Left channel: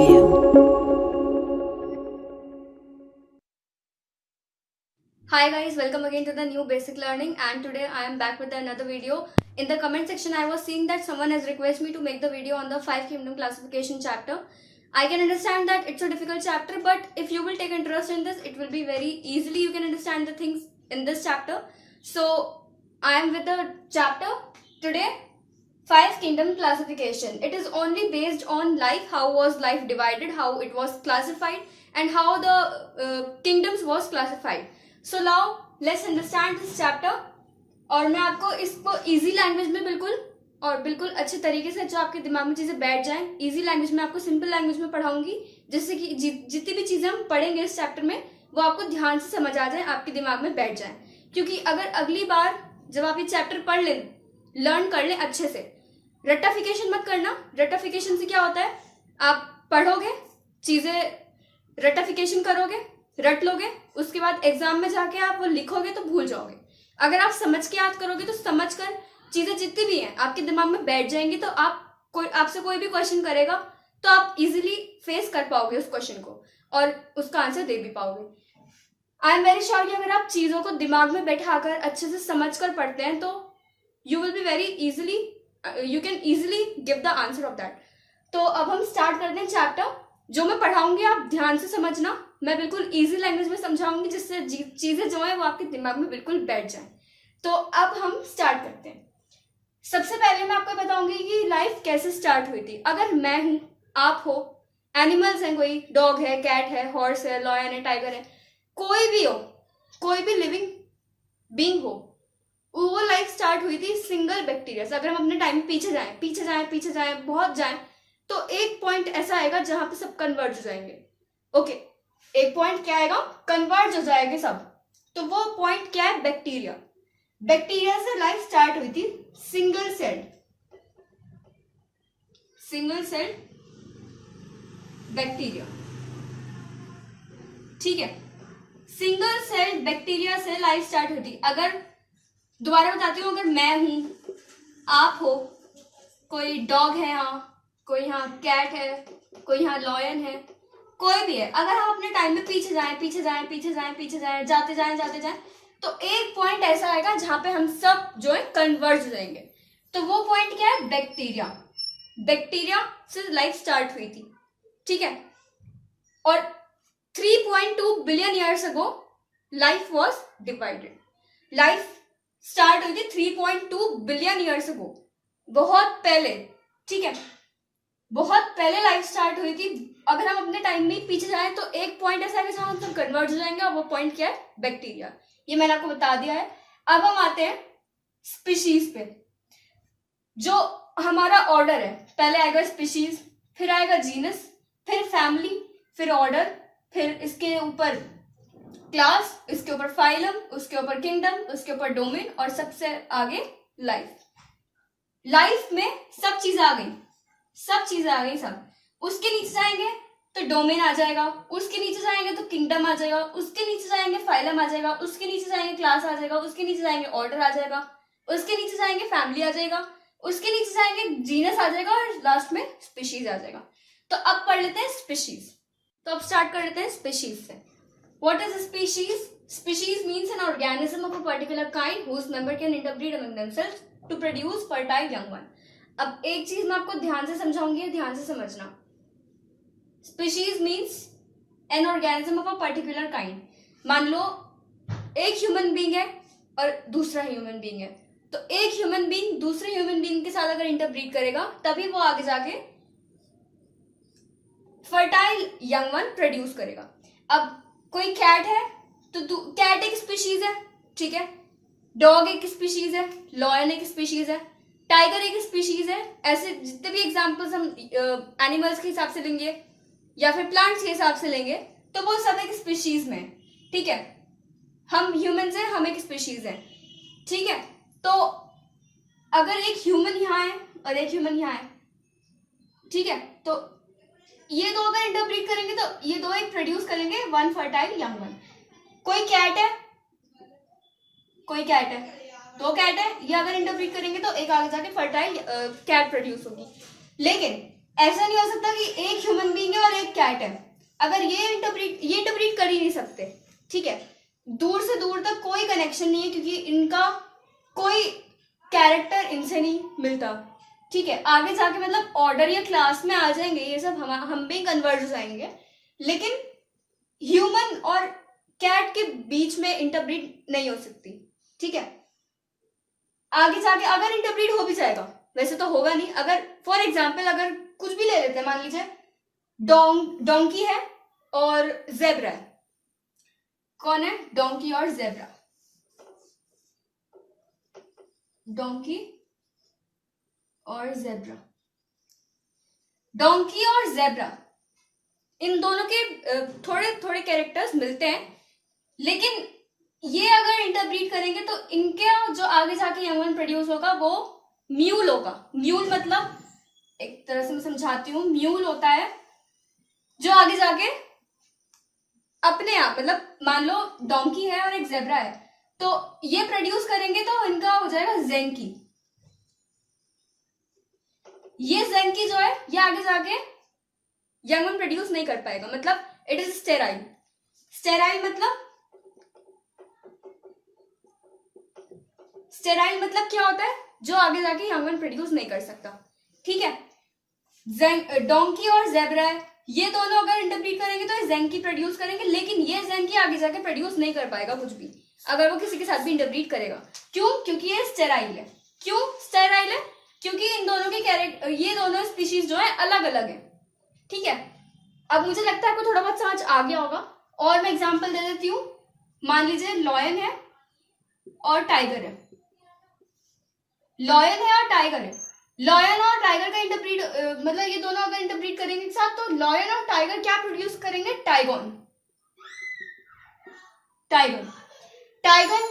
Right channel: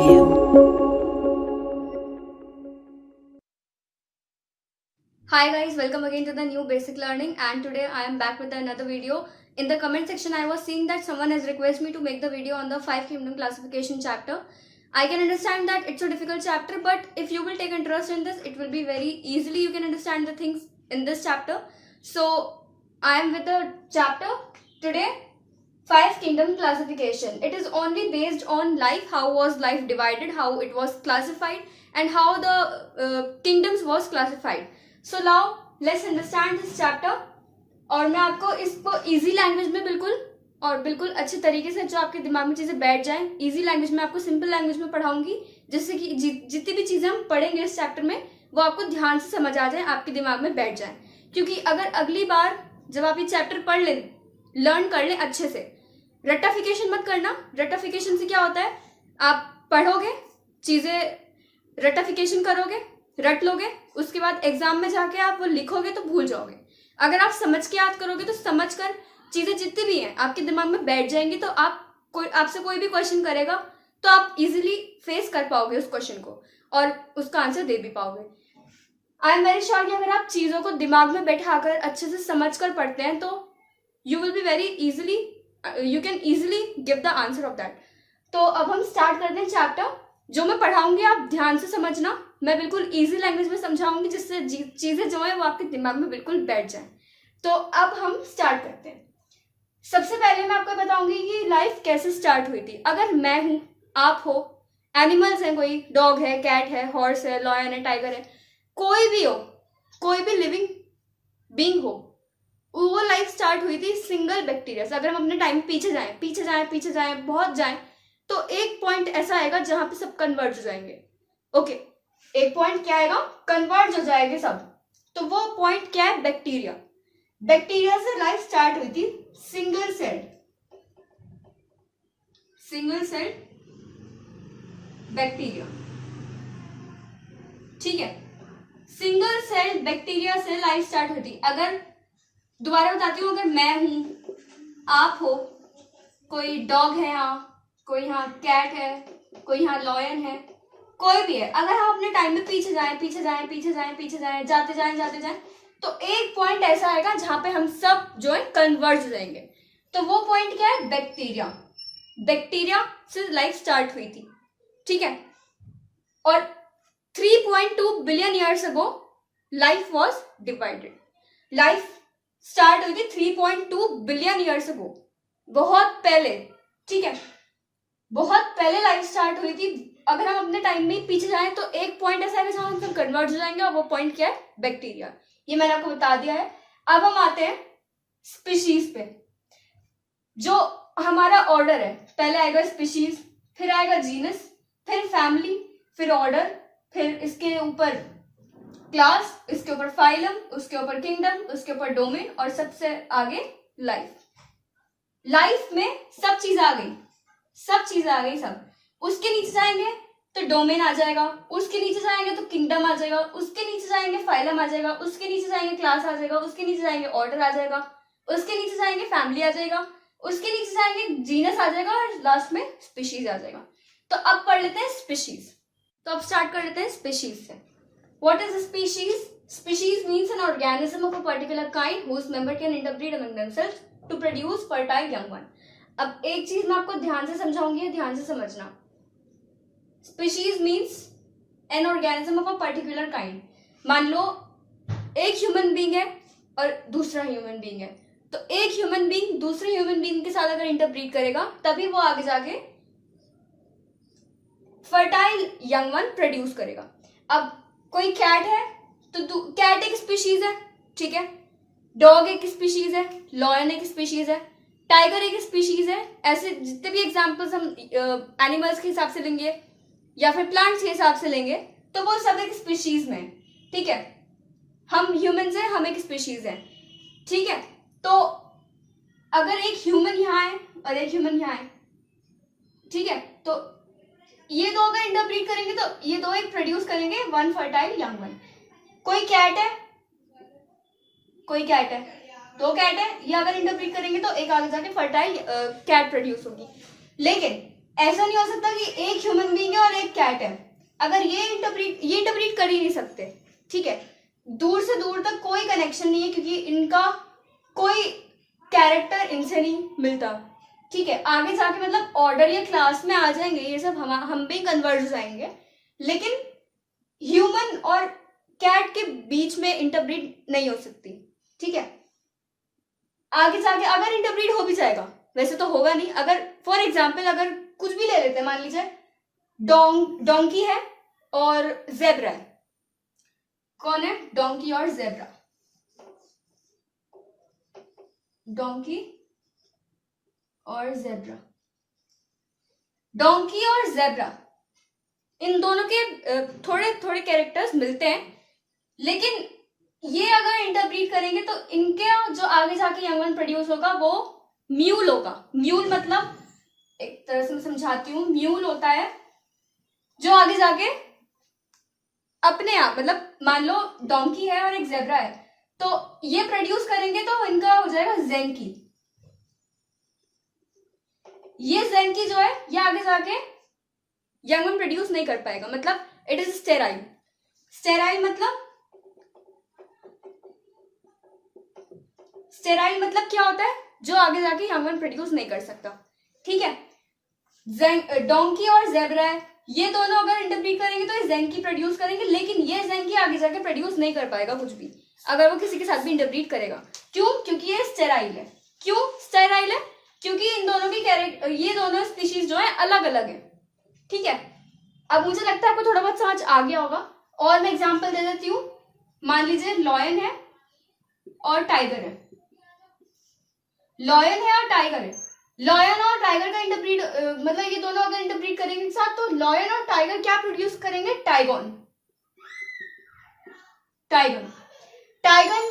you. Hi guys, welcome again to the new basic learning, and today I am back with another video. In the comment section I was seeing that someone has requested me to make the video on the 5 kingdom classification chapter. I can understand that it's a difficult chapter, but if you will take interest in this, it will be very easily you can understand the things in this chapter. So I am with the chapter today, 5 kingdom classification. It is only based on life, how was life divided, how it was classified, and how the kingdoms was classified. So now let's understand this chapter. और मैं आपको इसको easy language में बिल्कुल अच्छे तरीके से जो आपके दिमाग में चीजें बैठ जाएं, इजी लैंग्वेज में आपको सिंपल लैंग्वेज में पढ़ाऊंगी, जिससे कि जितनी भी चीजें हम पढ़ेंगे इस चैप्टर में वो आपको ध्यान से समझ आ जाए, आपके दिमाग में बैठ जाए. क्योंकि अगर अगली बार जब आप ये चैप्टर पढ़ लें, लर्न कर लें अच्छे से, रट्टाफिकेशन मत करना. रट्टाफिकेशन से क्या होता है, आप पढ़ोगे चीजें, रट्टाफिकेशन करोगे, रट लोगे, उसके बाद एग्जाम में जाके आप वो लिखोगे तो भूल जाओगे. अगर आप समझ के याद करोगे तो समझ कर चीजें जितनी भी हैं आपके दिमाग में बैठ जाएंगी, तो आपसे कोई भी क्वेश्चन करेगा तो आप इजीली फेस कर पाओगे उस क्वेश्चन को और उसका आंसर दे भी पाओगे. आई एम वेरी श्योर कि अगर आप चीजों को दिमाग में बैठाकर अच्छे से समझ कर पढ़ते हैं तो you will be very easily, you can easily give the answer of that. तो अब हम स्टार्ट करते हैं चैप्टर. जो मैं पढ़ाऊंगी आप ध्यान से समझना, मैं बिल्कुल इजी लैंग्वेज में समझाऊंगी, जिससे चीजें जो है वो आपके दिमाग में बिल्कुल बैठ जाए. तो अब हम स्टार्ट करते हैं. सबसे पहले मैं आपको बताऊंगी कि लाइफ कैसे स्टार्ट हुई थी. अगर मैं हूं, आप हो, एनिमल्स हैं, कोई डॉग है, कैट है, हॉर्स है, लॉयन है, टाइगर है, कोई भी हो, कोई भी लिविंग बीइंग हो, वो लाइफ स्टार्ट हुई थी सिंगल बैक्टीरिया से. अगर हम अपने टाइम पीछे जाएं बहुत जाएं, तो एक पॉइंट ऐसा आएगा जहां पे सब कन्वर्ज हो जाएंगे. ओके, एक पॉइंट क्या आएगा, कन्वर्ज हो जाएंगे सब. तो वो पॉइंट क्या है, बैक्टीरिया. बैक्टीरिया से लाइफ स्टार्ट हुई थी सिंगल सेल बैक्टीरिया. ठीक है, सिंगल सेल बैक्टीरिया से लाइफ स्टार्ट हुई थी. अगर दोबारा बताती हूँ, अगर मैं हूं, आप हो, कोई डॉग है यहाँ, कोई यहाँ कैट है, कोई यहाँ लॉयन है, कोई भी है, अगर हम अपने टाइम में पीछे जाएं, जाते जाएं, तो एक पॉइंट ऐसा आएगा जहां पे हम सब जो है कन्वर्ज हो जाएंगे. तो वो पॉइंट क्या है, बैक्टीरिया से लाइफ स्टार्ट हुई थी. ठीक है, और 3.2 billion years ago life was divided. Life start हुई थी 3.2 बिलियन ईयर्स अगो, बहुत पहले. ठीक है, बहुत पहले लाइफ स्टार्ट हुई थी. अगर हम अपने टाइम में पीछे जाएं तो एक पॉइंट ऐसा है जहां हम सब कन्वर्ज हो जाएंगे, और वो पॉइंट क्या है, बैक्टीरिया. ये मैंने आपको बता दिया है. अब हम आते हैं स्पीशीज पे. जो हमारा ऑर्डर है, पहले आएगा स्पीशीज, फिर आएगा जीनस, फिर फैमिली, फिर ऑर्डर, फिर इसके ऊपर क्लास, इसके ऊपर फाइलम, उसके ऊपर किंगडम, उसके ऊपर डोमेन, और सबसे आगे लाइफ. लाइफ में सब चीजें आ गई. सब उसके नीचे जाएंगे तो डोमेन आ जाएगा, उसके नीचे जाएंगे तो किंगडम आ जाएगा, उसके नीचे जाएंगे फाइलम आ जाएगा, उसके नीचे जाएंगे क्लास आ जाएगा, उसके नीचे जाएंगे ऑर्डर आ जाएगा, उसके नीचे जाएंगे फैमिली आ जाएगा, उसके नीचे जाएंगे जीनस आ जाएगा, और लास्ट में स्पीशीज आ जाएगा. तो अब पढ़ लेते हैं स्पीशीज. तो अब स्टार्ट कर लेते हैं स्पीशीज से. What is species? Species means an organism of a particular kind whose member can interbreed among themselves to produce fertile young one. अब एक चीज मैं आपको ध्यान से समझाऊंगी, ध्यान से समझना. Species means an organism of a particular kind. मान लो एक ह्यूमन बीइंग है और दूसरा ह्यूमन बीइंग है, तो एक ह्यूमन बीइंग दूसरे ह्यूमन बीइंग के साथ अगर इंटरब्रीड करेगा तभी वो आगे जाके फर्टाइल यंग वन प्रोड्यूस करेगा. अब कोई कैट है तो कैट एक स्पीशीज है. ठीक है, डॉग एक स्पीशीज है, लॉयन एक स्पीशीज है, टाइगर एक स्पीशीज है. ऐसे जितने भी एग्जांपल्स हम एनिमल्स के हिसाब से लेंगे या फिर प्लांट्स के हिसाब से लेंगे तो वो सब एक स्पीशीज में. ठीक है, हम ह्यूमंस हैं, हम एक स्पीशीज है. ठीक है, तो अगर एक ह्यूमन यहाँ है और एक ह्यूमन यहाँ है, ठीक है, तो ये दो अगर इंटरब्रीड करेंगे तो ये दो एक प्रोड्यूस करेंगे वन फर्टाइल यंग वन. कोई कैट है, दो कैट है, ये अगर इंटरब्रीड करेंगे तो एक आगे जाके फर्टाइल कैट प्रोड्यूस होगी. लेकिन ऐसा नहीं हो सकता कि एक ह्यूमन बीइंग है और एक कैट है, अगर ये इंटरप्रीट कर ही नहीं सकते, ठीक है। दूर से दूर तक कोई कनेक्शन नहीं है, क्योंकि इनका कोई कैरेक्टर इनसे नहीं मिलता, ठीक है। आगे जाके मतलब ऑर्डर या क्लास में आ जाएंगे ये सब, हम भी कन्वर्ज हो जाएंगे, लेकिन ह्यूमन और कैट के बीच में इंटरब्रीड नहीं हो सकती, ठीक है। आगे जाके अगर इंटरब्रीड हो भी जाएगा, वैसे तो होगा नहीं, अगर फॉर एग्जाम्पल अगर कुछ भी ले लेते हैं, मान लीजिए डोंकी है और जेब्रा है। कौन है? डोंकी और जेब्रा। डोंकी और जेब्रा, डोंकी और जेब्रा, इन दोनों के थोड़े थोड़े कैरेक्टर्स मिलते हैं, लेकिन ये अगर इंटरब्रीड करेंगे तो इनके जो आगे जाके यंग वन प्रोड्यूस होगा वो म्यूल होगा। म्यूल मतलब, एक तरह से मैं समझाती हूँ, म्यूल होता है जो आगे जाके अपने आप, मतलब मान लो डोंकी है और एक जेब्रा है, तो ये प्रोड्यूस करेंगे तो इनका हो जाएगा जेंकी। ये जेंकी जो है ये आगे जाके यंग वन प्रोड्यूस नहीं कर पाएगा, मतलब इट इज स्टेराइल। स्टेराइल मतलब क्या होता है? जो आगे जाके यंग वन प्रोड्यूस नहीं कर सकता, ठीक है। डोंकी और जेब्रा है, ये दोनों अगर इंटरप्रीट करेंगे तो ये जेंकी प्रोड्यूस करेंगे, लेकिन ये जेंकी आगे जाके प्रोड्यूस नहीं कर पाएगा कुछ भी, अगर वो किसी के साथ भी इंटरप्रीट करेगा। क्यों? क्योंकि ये स्टेराइल है। क्यों स्टेराइल है? क्योंकि इन दोनों के कैरेक्टर, ये दोनों स्पीशीज जो है अलग अलग है, ठीक है। अब मुझे लगता है आपको थोड़ा बहुत समझ आ गया होगा, और मैं एग्जाम्पल दे देती हूँ। मान लीजिए लॉयन है और टाइगर है। लॉयन है और टाइगर है। लॉयन और टाइगर का इंटरप्रीट मतलब ये दोनों अगर इंटरप्रीट करेंगे एक साथ, तो लॉयन और टाइगर क्या प्रोड्यूस करेंगे? टाइगन। टाइगन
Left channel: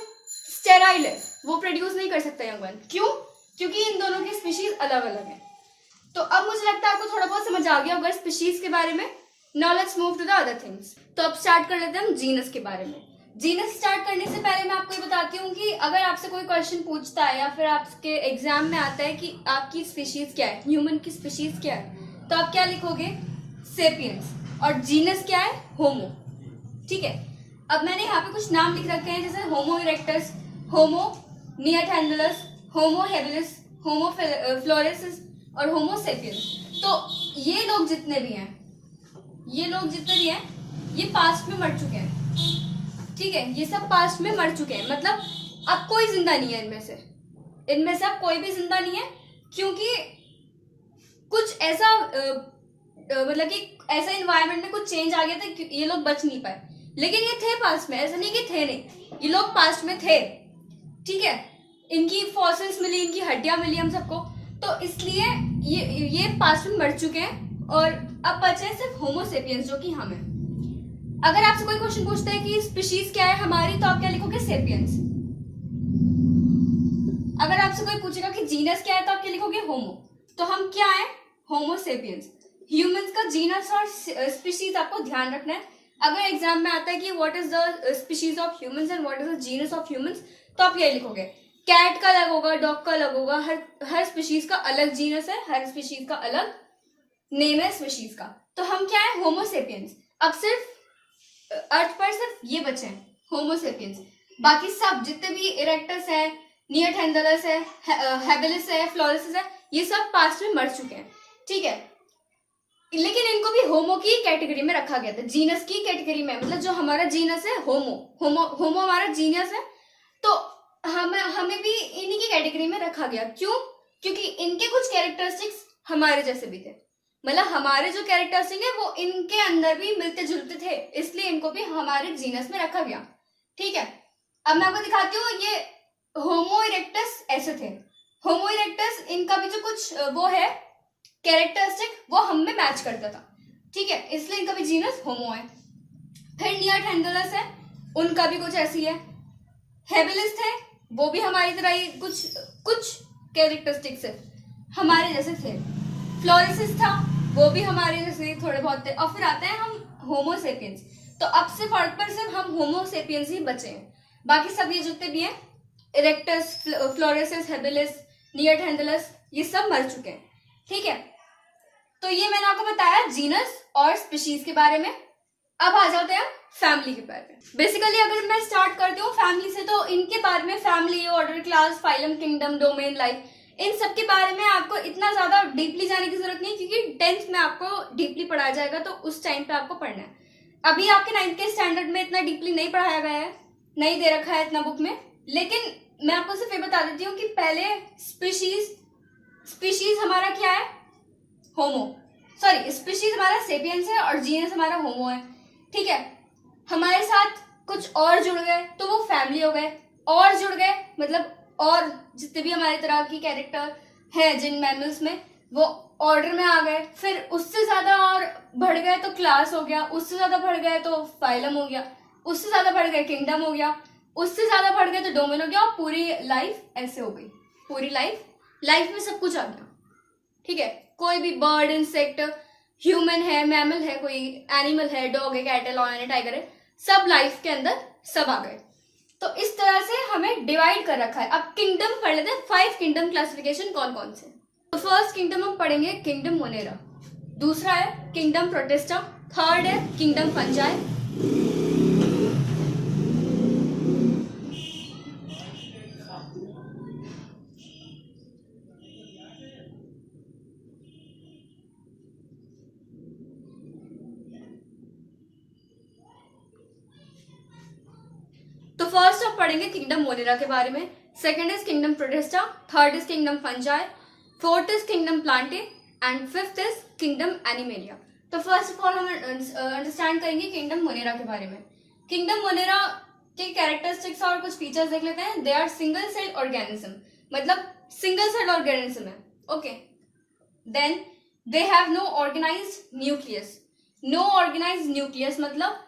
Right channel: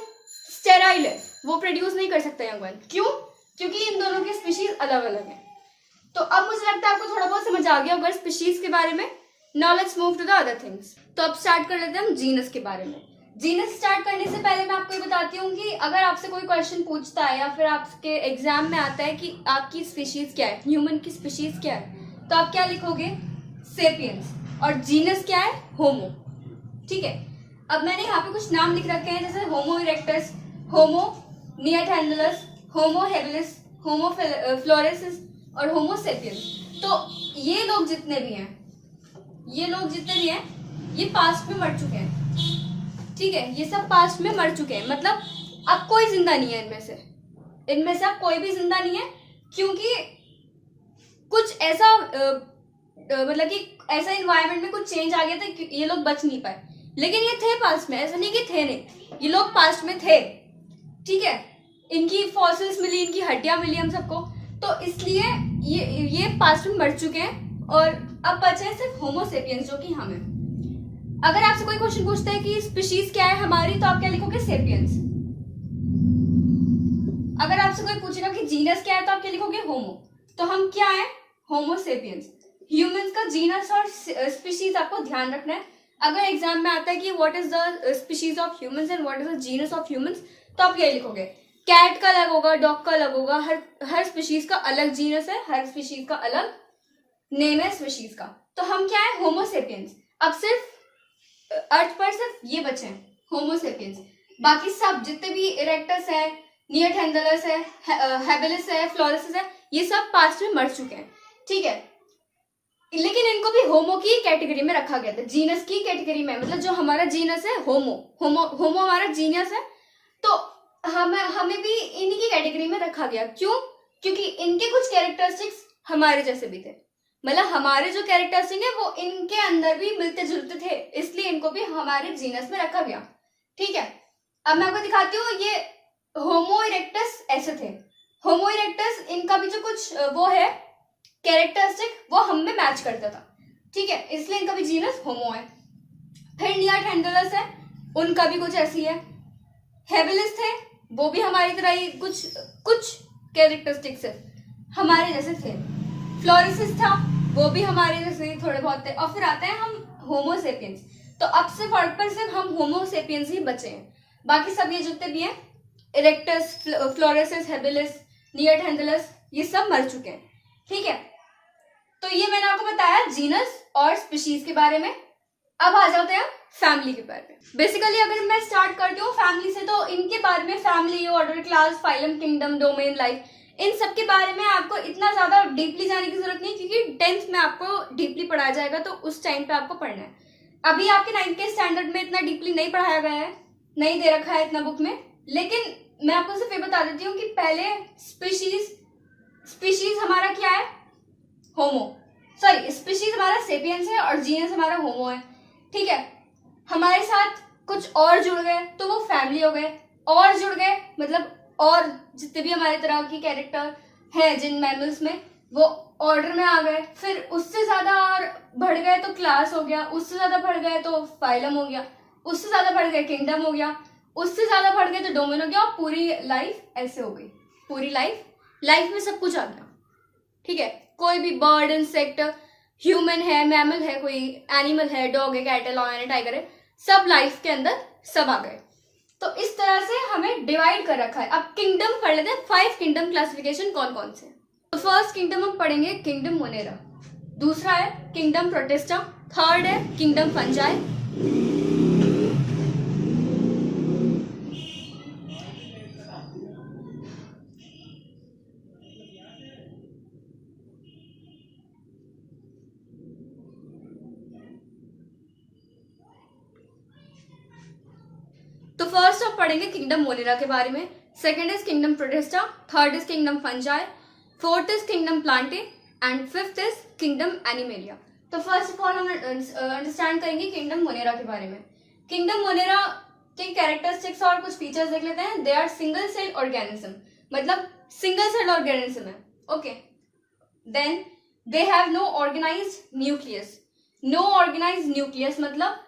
स्टेराइल है, वो प्रोड्यूस नहीं कर सकता यंग वन। क्यों? क्योंकि इन दोनों के स्पीशीज अलग अलग हैं। तो अब मुझे लगता है आपको थोड़ा बहुत समझ आ गया होगा स्पीशीज के बारे में। Now let's move to the other things. तो अब स्टार्ट कर लेते हैं हम जीनस के बारे में। जीनस स्टार्ट करने से पहले मैं आपको ये बताती हूँ कि अगर आपसे कोई क्वेश्चन पूछता है या फिर आपके एग्जाम में आता है कि आपकी स्पीशीज क्या है, ह्यूमन की स्पीशीज क्या है, तो आप क्या लिखोगे? सेपियंस। और जीनस क्या है? होमो, ठीक है। अब मैंने यहाँ पे कुछ नाम लिख रखे हैं, जैसे होमो इरेक्टस, होमो निएंडरथैलस, होमो हेबिलिस, होमो फ्लोरेंसिस और होमो सेपियंस। तो ये लोग जितने भी हैं, ये पास्ट में मर चुके हैं, ठीक है। ये सब पास्ट में मर चुके हैं, मतलब अब कोई जिंदा नहीं है इनमें से अब कोई भी जिंदा नहीं है, क्योंकि कुछ ऐसा मतलब कि ऐसा इन्वायरमेंट में कुछ चेंज आ गया था कि ये लोग बच नहीं पाए। लेकिन ये थे पास्ट में, ऐसा नहीं कि थे नहीं, ये लोग पास्ट में थे, ठीक है। इनकी फॉसिल्स मिली, इनकी हड्डियां मिली हम सबको, तो इसलिए ये पास्ट में मर चुके हैं, और अब बचे हैं सिर्फ होमो सेपियंस, जो कि हम हैं। अगर आपसे कोई क्वेश्चन पूछता है कि स्पीशीज क्या है हमारी, तो आप क्या लिखोगे? सेपियंस। अगर आपसे कोई पूछेगा कि जीनस क्या है, तो आप क्या लिखोगे? होमो। तो हम क्या है? होमो सेपियंस। ह्यूमंस का जीनस और स्पीशीज आपको ध्यान रखना है। अगर एग्जाम में आता है कि what is the species of humans and what is the genus of humans, तो आप क्या लिखोगे? कैट का अलग होगा, डॉग का अलग होगा, हर स्पीशीज का अलग जीनस है, हर स्पीशीज का अलग नेम है स्पीशीज का। तो हम क्या है? होमो सेपियंस। अब सिर्फ अर्थ पर सिर्फ ये बचे हैं, होमो सेपियंस। बाकी सब जितने भी इरेक्टस है, निएंडरथैलस है, हेबिलिस है, फ्लोरेंसिस है, ये सब पास्ट में मर चुके हैं, ठीक है। लेकिन इनको भी होमो की कैटेगरी में रखा गया था, जीनस की कैटेगरी में, मतलब जो हमारा जीनस है होमो हमारा जीनस है, तो हमें भी इन्हीं की कैटेगरी में रखा गया। क्यों? क्योंकि इनके कुछ कैरेक्टरिस्टिक्स हमारे जैसे भी थे, मतलब हमारे जो कैरेक्टरिस्टिक है वो इनके अंदर भी मिलते जुलते थे, इसलिए इनको भी हमारे जीनस में रखा गया, ठीक है। अब मैं आपको दिखाती हूँ, ये होमो इरेक्टस ऐसे थे। होमो इरेक्टस, इनका भी जो कुछ वो है कैरेक्टरिस्टिक, वो हम में मैच करता था, ठीक है, इसलिए इनका भी जीनस होमो है। फिर निएंडरथैलस है, उनका भी कुछ ऐसी है। हेबिलिस थे, वो भी हमारी तरह ही कुछ कैरेक्टरिस्टिक्स है, हमारे जैसे थे। फ्लोरेंसिस था, वो भी हमारे जैसे थोड़े बहुत थे। और फिर आते हैं हम होमो सेपियंस। तो अब सिर्फ अर्थ पर सिर्फ हम होमो सेपियंस ही बचे हैं, बाकी सब ये जितने भी हैं इरेक्टस, फ्लोरेंसिस, हेबिलिस, निएंडरथैलस, ये सब मर चुके हैं, ठीक है। तो ये मैंने आपको बताया जीनस और स्पीशीज के बारे में। अब आ जाते हैं फैमिली के बारे में। बेसिकली अगर मैं स्टार्ट करती हूँ फैमिली से, तो इनके बारे में family, order, class, phylum, kingdom, domain, life, इन सब के बारे में आपको इतना ज्यादा डीपली जाने की जरूरत नहीं, क्योंकि 10th में आपको डीपली पढ़ाया जाएगा, तो उस टाइम पे आपको पढ़ना है। अभी आपके 9th के स्टैंडर्ड में इतना डीपली नहीं पढ़ाया गया है, नहीं दे रखा है इतना बुक में। लेकिन मैं आपको सिर्फ ये बता देती हूँ कि पहले स्पीशीज हमारा क्या है, होमो, सॉरी स्पीशीज हमारा सेपियंस है और जीनस हमारा होमो है। ठीक है, हमारे साथ कुछ और जुड़ गए तो वो फैमिली हो गए, और जुड़ गए मतलब और जितने भी हमारे तरह की कैरेक्टर है जिन मैमल्स में, वो ऑर्डर में आ गए। फिर उससे ज्यादा और बढ़ गए तो क्लास हो गया, उससे ज्यादा बढ़ गए तो फाइलम हो गया, उससे ज्यादा बढ़ गए किंगडम हो गया, उससे ज्यादा बढ़ गए तो डोमेन हो गया, और पूरी लाइफ ऐसे हो गई। पूरी लाइफ में सब कुछ आ गया। ठीक है, कोई भी बर्ड, इंसेक्ट, ह्यूमन है, मैमल है, कोई एनिमल है, डॉग है, कैट है, लॉयन है, टाइगर है, सब लाइफ के अंदर सब आ गए। तो इस तरह से हमें डिवाइड कर रखा है। अब किंगडम पढ़ लेते हैं, 5 किंगडम क्लासिफिकेशन कौन कौन से। तो फर्स्ट किंगडम हम पढ़ेंगे किंगडम मोनेरा, दूसरा है किंगडम प्रोटिस्टा, थर्ड है किंगडम फंजाई, तो फर्स्ट हम पढ़ेंगे किंगडम मोनेरा के बारे में, second is kingdom protista, third is kingdom fungi, fourth is kingdom Plantae and fifth is kingdom animalia. तो फर्स्ट ऑफ ऑल हम अंडरस्टैंड करेंगे किंगडम मोनेरा के बारे में। किंगडम मोनेरा के कैरेक्टरिस्टिक्स और कुछ फीचर्स देख लेते हैं। They are single cell organism, मतलब सिंगल सेल ऑर्गेनिज्म है। Okay, then they have no organized nucleus. No organized nucleus मतलब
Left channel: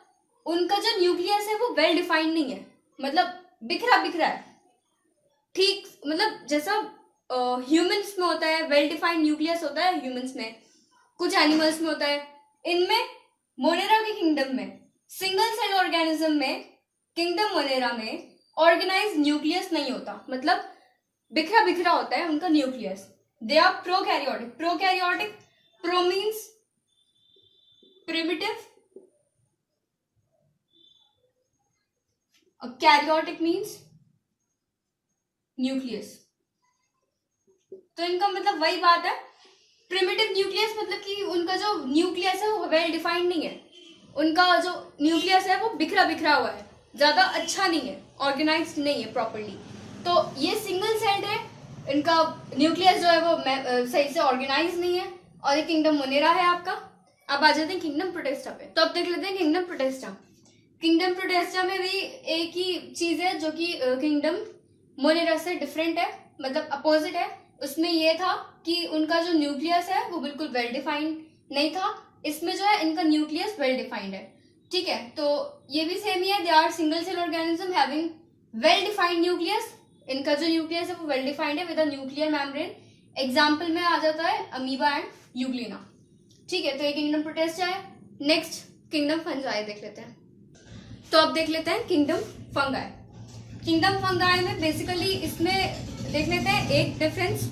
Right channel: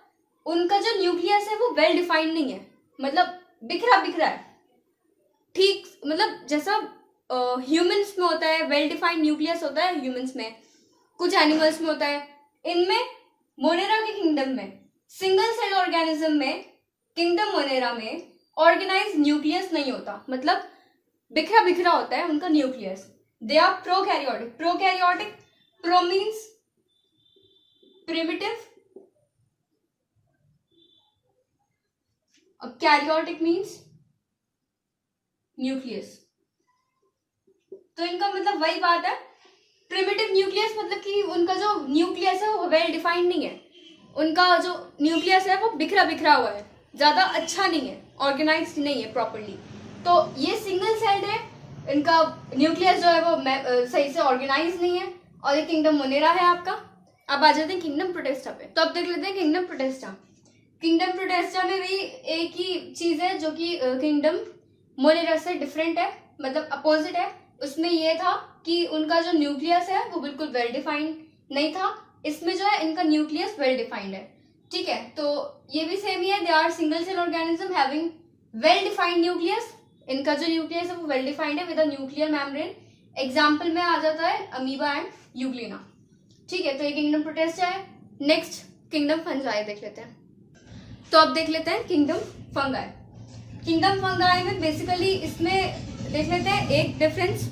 उनका जो न्यूक्लियस है वो वेल डिफाइंड नहीं है, मतलब बिखरा बिखरा है। ठीक, मतलब जैसा ह्यूमंस में होता है वेल डिफाइंड न्यूक्लियस होता है ह्यूमंस में, कुछ एनिमल्स में होता है, इनमें मोनेरा के किंगडम में सिंगल सेल ऑर्गेनिज्म में, किंगडम मोनेरा में ऑर्गेनाइज न्यूक्लियस नहीं होता, मतलब बिखरा बिखरा होता है उनका nucleus. They are prokaryotic. Prokaryotic, pro means primitive, और कैरियोटिक मीन्स न्यूक्लियस। तो इनका मतलब वही बात है, प्रिमिटिव न्यूक्लियस मतलब कि उनका जो न्यूक्लियस है वो वेल डिफाइंड नहीं है, उनका जो न्यूक्लियस है वो बिखरा बिखरा हुआ है, ज्यादा अच्छा नहीं है, ऑर्गेनाइज्ड नहीं है प्रॉपरली। तो ये सिंगल सेल्ड है, इनका न्यूक्लियस जो है वो सही से ऑर्गेनाइज नहीं है, और ये किंगडम मोनेरा है आपका। अब आ जाते हैं किंगडम प्रोटेस्टा पे। तो अब देख लेते हैं किंगडम प्रोटेस्टा। किंगडम प्रोटेस्टा में भी एक ही चीज है जो कि किंगडम मोनेरा से डिफरेंट है, मतलब अपोजिट है। उसमें ये था कि उनका जो न्यूक्लियस है वो बिल्कुल वेल डिफाइंड नहीं था, इसमें जो है इनका न्यूक्लियस वेल डिफाइंड है। ठीक है, तो ये भी सेम ही है, they are single cell organism having well defined nucleus. इनका जो न्यूक्लियस है वो वेल डिफाइंड है with a nuclear membrane. Example में आ जाता है अमीबा एंड यूग्लिना। ठीक है, तो ये किंगडम प्रोटेस्टा है। नेक्स्ट किंगडम फंजाई देख लेते हैं। तो अब देख लेते हैं किंगडम फंगाई। किंगडम फंगाई में बेसिकली इसमें देख लेते हैं एक difference.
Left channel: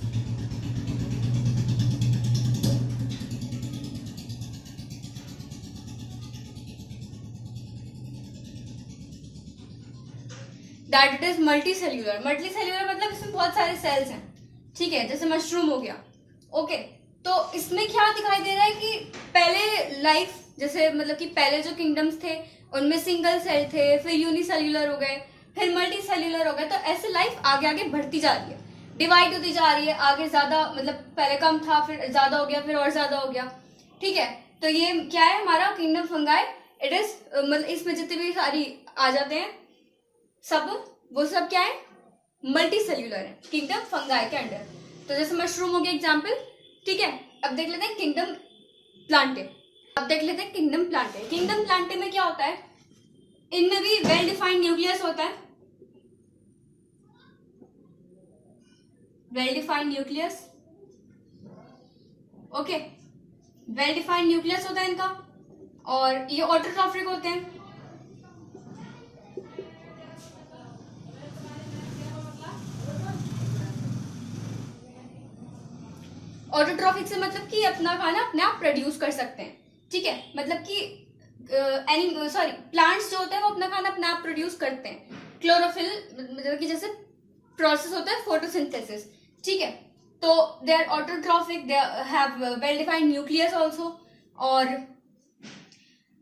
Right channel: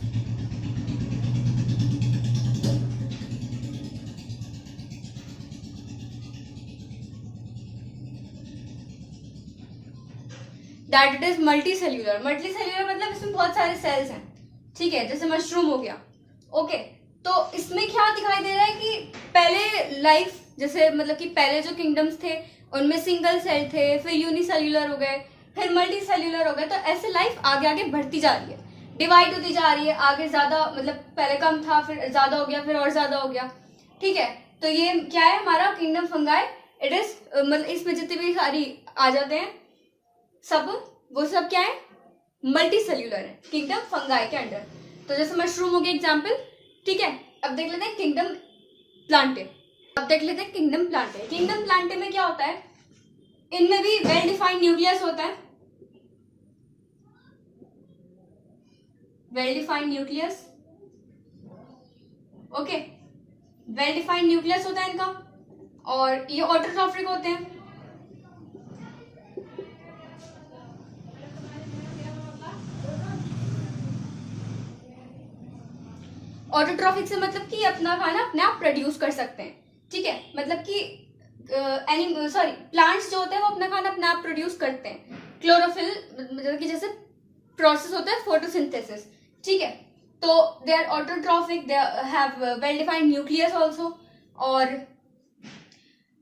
That it is multi cellular. Multi cellular मतलब इसमें बहुत सारे सेल्स हैं। ठीक है, जैसे मशरूम हो गया। ओके, तो इसमें क्या दिखाई दे रहा है कि पहले लाइफ जैसे मतलब कि पहले जो किंगडम्स थे उनमें सिंगल सेल थे, फिर यूनिसेल्यूलर हो गए, फिर मल्टी सेल्यूलर हो गए। तो ऐसे लाइफ आगे आगे बढ़ती जा रही है, डिवाइड होती जा रही है, आगे ज्यादा, मतलब पहले कम था फिर ज्यादा हो गया, फिर और ज्यादा हो गया। ठीक है, तो ये क्या है हमारा किंगडम फंगाई। इट इज मतलब इसमें जितने भी सारी आ जाते हैं सब, वो सब क्या है, मल्टी सेल्यूलर है किंगडम फंगाई के अंडर। तो जैसे मशरूम हो गया एग्जाम्पल। ठीक है, अब देख लेते हैं किंगडम प्लांटे। अब देख लेते हैं किंगडम प्लांटे। किंगडम प्लांटे में क्या होता है, इनमें भी वेल डिफाइंड न्यूक्लियस होता है, well defined nucleus. Okay, well defined nucleus होता है इनका, और ये ऑटोट्रॉफिक होते हैं। ऑटोट्रॉफिक से मतलब कि अपना खाना अपने आप प्रोड्यूस कर सकते हैं, ठीक है, मतलब कि प्लांट्स जो होते हैं वो अपना खाना अपने आप प्रोड्यूस करते हैं। क्लोरोफिल मतलब कि जैसे प्रोसेस होता है फोटोसिंथेसिस, ठीक है, तो they are autotrophic, they have well defined nucleus also, और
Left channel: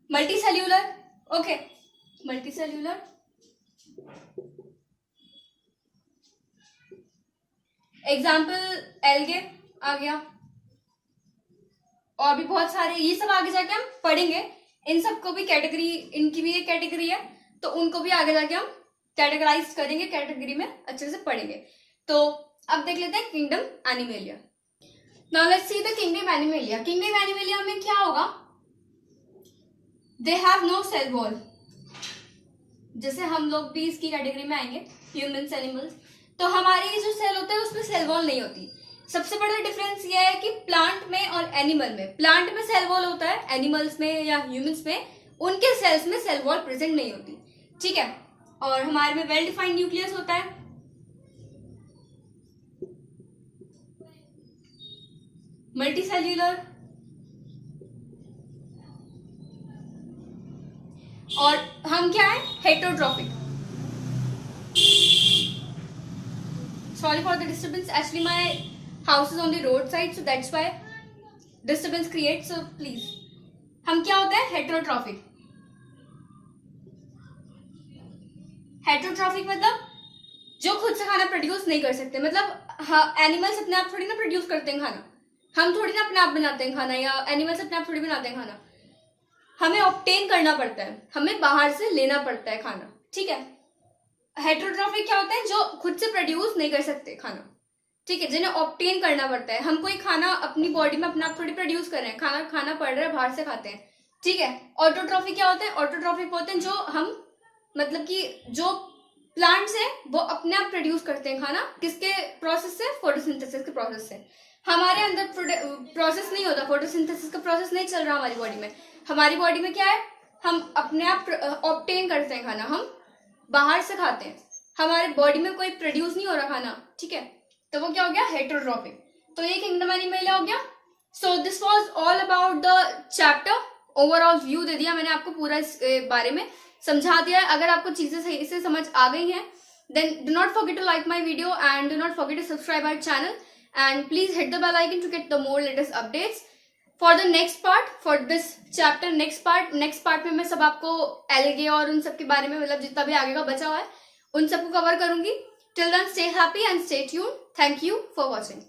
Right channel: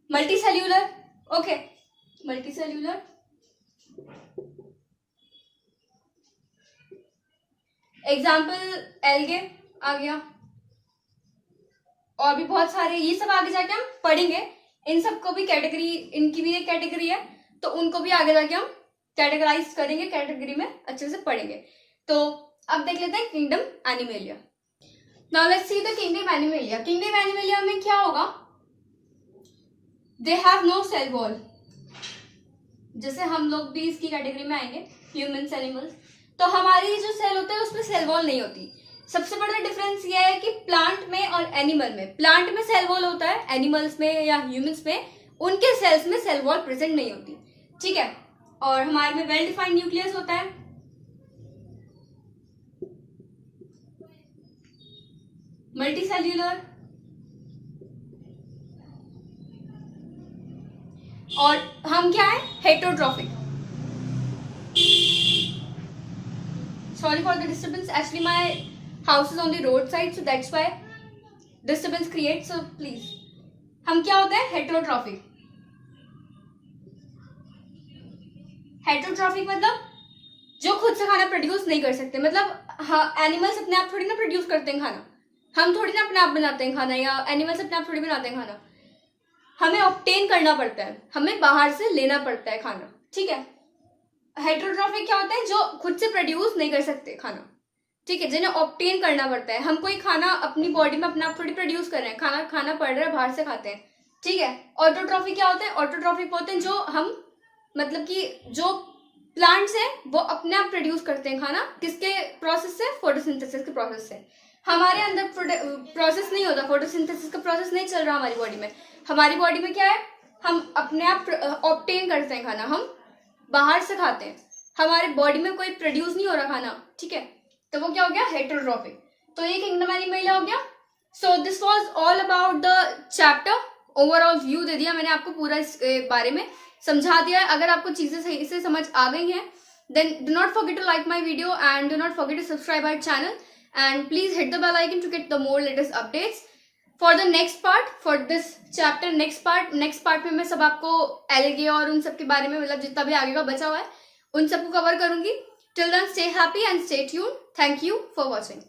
multicellular, okay, multicellular, example algae आ गया, और भी बहुत सारे, ये सब आगे जाके हम पढ़ेंगे, इन सबको भी कैटेगरी, इनकी भी एक कैटेगरी है, तो उनको भी आगे जाके हम कैटेगराइज करेंगे, कैटेगरी में अच्छे से पढ़ेंगे। तो अब देख लेते हैं kingdom Animalia. Now let's see the kingdom Animalia. Kingdom Animalia में क्या होगा, they have no cell wall, जैसे हम लोग भी इसकी कैटेगरी में आएंगे, ह्यूमंस, एनिमल्स, तो हमारी जो सेल होता है उसमें सेल वॉल नहीं होती। सबसे बड़ा डिफरेंस ये है कि प्लांट में और एनिमल में, प्लांट में सेल वॉल होता है, एनिमल्स में या ह्यूमंस में उनके सेल्स में सेल वॉल प्रेजेंट नहीं होती, ठीक है, और हमारे में वेल डिफाइंड न्यूक्लियस होता है, मल्टीसेल्यूलर, और हम क्या है, heterotrophic. Sorry for the disturbance, actually my house is on the road side, so that's why disturbance create, so please. हम क्या होते हैं, हेटेरोट्रॉफिक। हेटेरोट्रॉफिक मतलब जो खुद से खाना प्रोड्यूस नहीं कर सकते, मतलब हाँ, एनिमल्स अपने आप थोड़ी ना प्रोड्यूस करते हैं खाना, हम थोड़ी ना अपने आप बनाते हैं खाना, या एनिमल्स अपने आप थोड़ी बनाते हैं खाना, हमें ऑब्टेन करना पड़ता है, हमें बाहर से लेना पड़ता है खाना, ठीक है। हेटेरोट्रॉफिक क्या होता है, जो खुद से प्रोड्यूस नहीं कर सकते खाना, ठीक है, जिन्हें ऑब्टेन करना पड़ता है। हम कोई खाना अपनी बॉडी में अपना आप थोड़ी प्रोड्यूस कर रहे हैं, खाना खाना पड़ रहा है, बाहर से खाते हैं, ठीक है। ऑटोट्रॉफिक क्या होता है, ऑटोट्रॉफिक होते हैं जो हम मतलब कि जो प्लांट्स हैं वो अपने आप प्रोड्यूस करते हैं खाना, किसके प्रोसेस से, फोटोसिंथेसिस के प्रोसेस से। हमारे अंदर प्रोसेस नहीं होता, फोटोसिंथेसिस का प्रोसेस नहीं चल रहा हमारी बॉडी में। हमारी बॉडी में क्या है, हम अपने आप ऑब्टेन करते हैं खाना, हम बाहर से खाते हैं, हमारे बॉडी में कोई प्रोड्यूस नहीं हो रहा खाना, ठीक है, तो वो क्या हो गया, हेटेरोट्रॉफिक। तो ये किंगडम एनिमेलिया हो गया। So this was all about the chapter, overview व्यू दे दिया मैंने आपको, पूरा इस बारे में समझा दिया है। अगर आपको चीजें सही से समझ आ गई हैं, then do not forget to like my video and do not forget to subscribe our channel and please hit the bell icon to get the more latest updates for the next part, for this chapter, next part में मैं सब आपको एलगे और उन सब के बारे में, मतलब जितना भी आगे का बचा हुआ है उन सबको कवर करूंगी। Till then, stay happy and stay tuned. Thank you for watching.